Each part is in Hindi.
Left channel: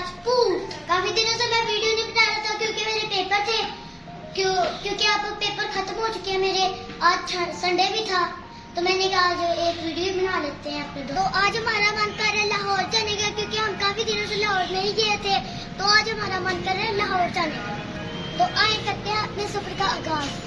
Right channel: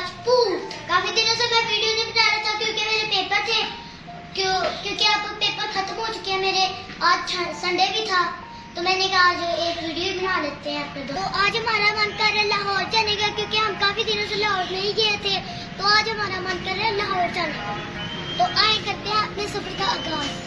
राजपूत। काफी दिनों से मैं वीडियो नहीं बना रहा था क्योंकि मेरे पेपर थे, क्योंकि अब पेपर खत्म हो चुके हैं मेरे। आज संडे भी था तो मैंने कहा आज एक वीडियो बना लेते हैं अपने। तो आज हमारा मन कर रहा है लाहौर जाने का, क्योंकि हम काफी दिनों से लाहौर नहीं गए थे। तो आज हमारा मन कर रहा है लाहौर जाने का। तो आए करते हैं अपने सफर का आगाज।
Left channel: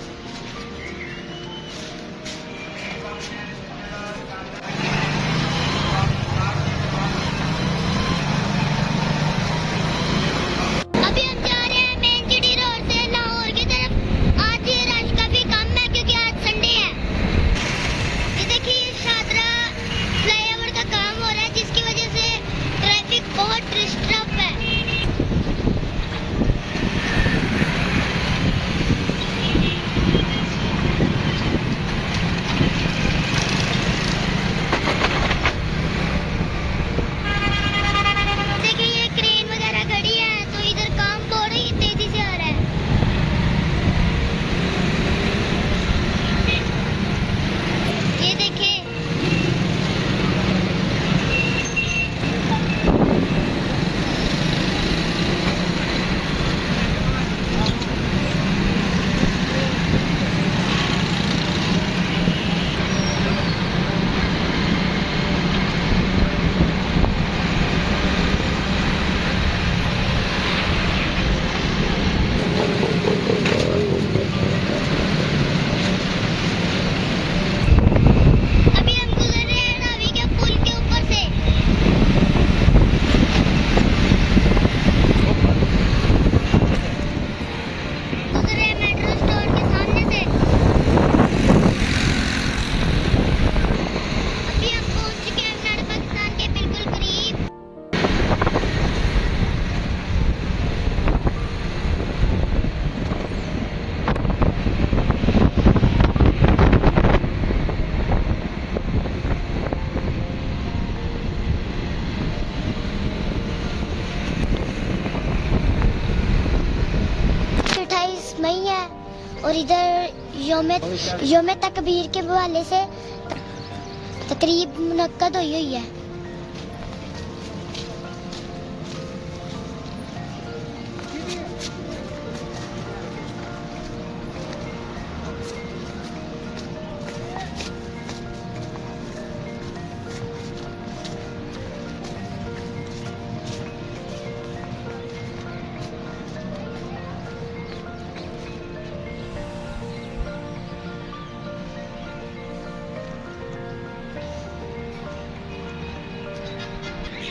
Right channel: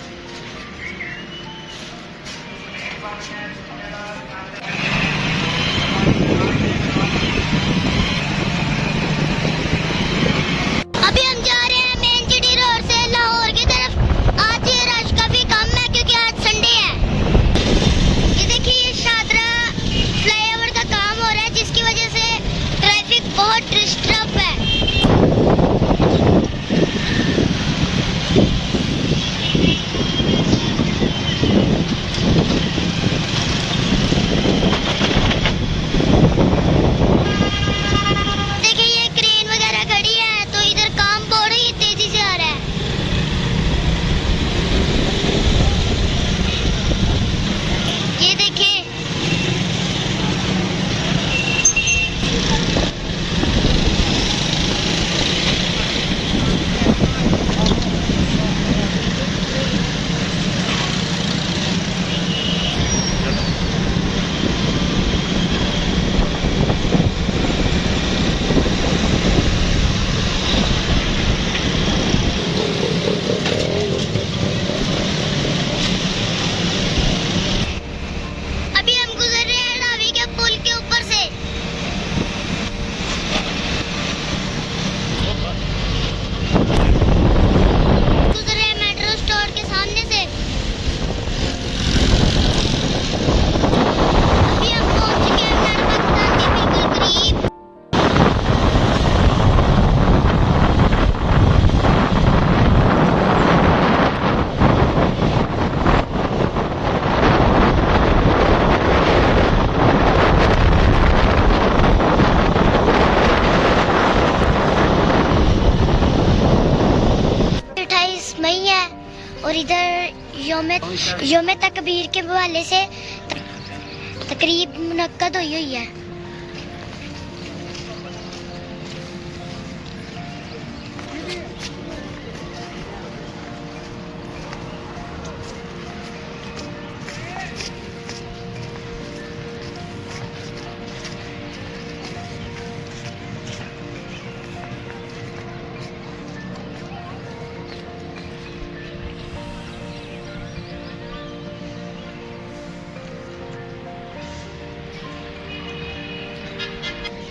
बहुत डिस्टर्ब है। देखिए ये क्रेन वगैरह खड़ी है तो इधर काम बहुत ही तेजी से आ रहा है। ये देखिए मई है और इधर योम तकबीर के हवाले से तकरीब मुनक्कद हुई है।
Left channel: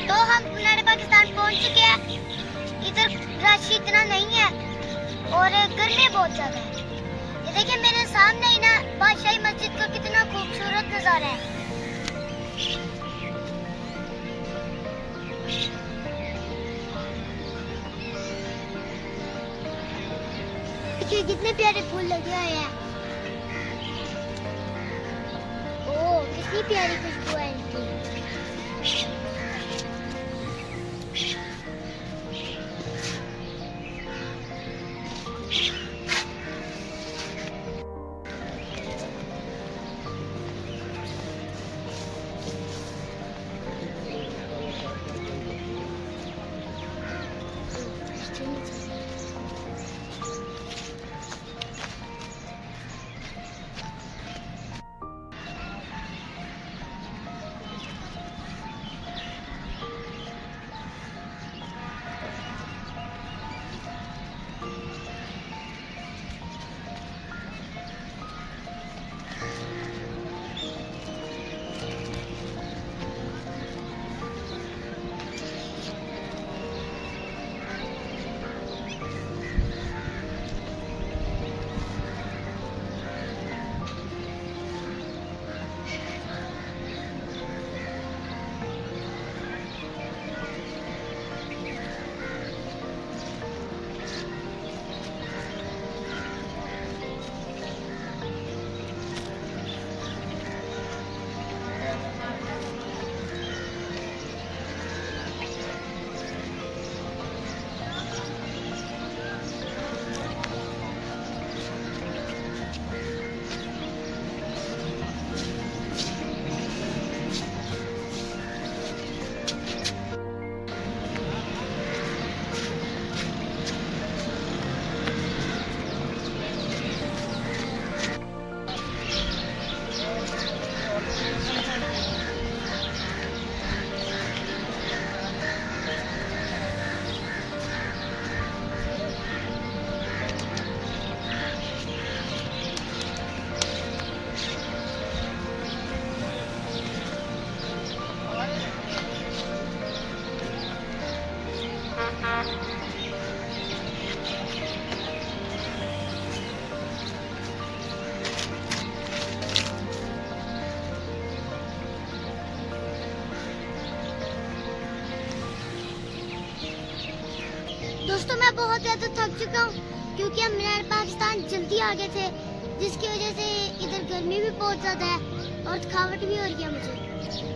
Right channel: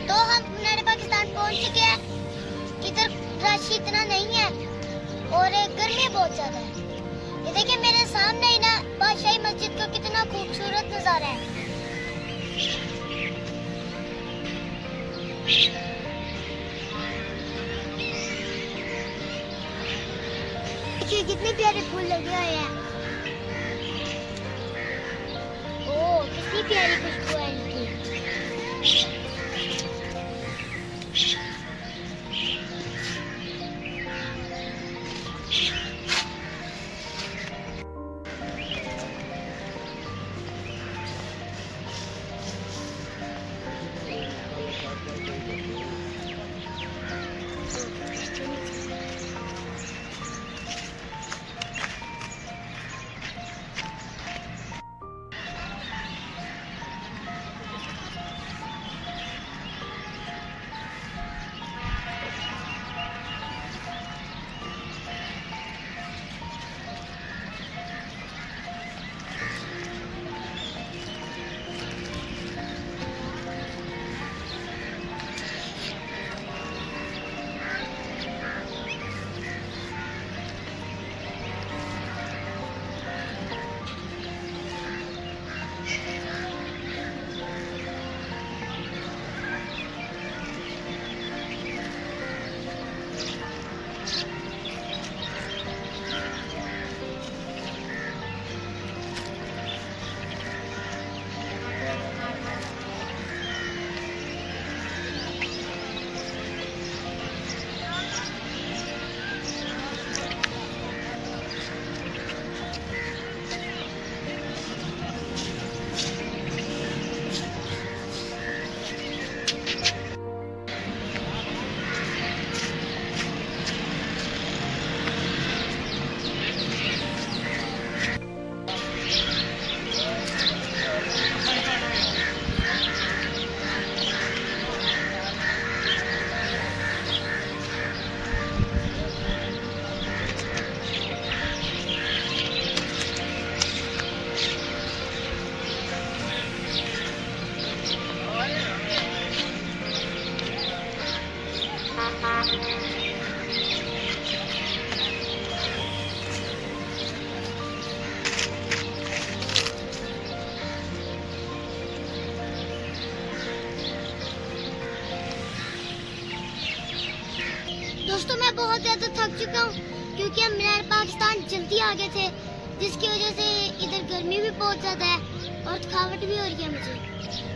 तो हम पाकिस्तान पहुंच चुके हैं। इधर रश इतना नहीं है और गर्मी बहुत ज्यादा है। ये देखिए मेरे सामने ही ना बादशाही मस्जिद का कितना खूबसूरत नजारा है। देखिए कितने प्यारे फूल लगे हुए हैं। ओह कितनी प्यारी खुशबू है इनकी। दोस्तों मैं बहुत ज़्यादा थक चुका हूँ क्योंकि हम मीनार पाकिस्तान जल्दी आ गए थे, जिसकी वजह से इधर गर्मी भी बहुत ज़्यादा है और थकावट भी हो रही है मुझे।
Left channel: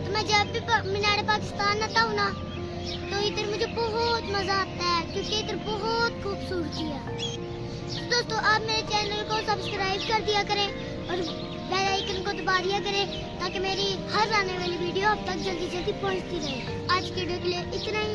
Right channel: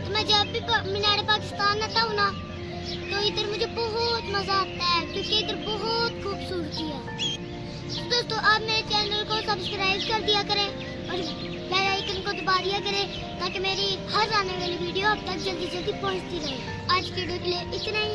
तो मैं जब भी मीनार पाकिस्तान आता हूँ ना, तो इधर मुझे बहुत मज़ा आता है क्योंकि इधर बहुत खूबसूरती है। तो दोस्तों आप मेरे चैनल को सब्सक्राइब कर दिया करें और बेल आइकन को दबा दिया करें ताकि मेरी हर आने वाली वीडियो अब तक जल्दी जल्दी पहुँचती रहे। आज के वीडियो के लिए इतना ही।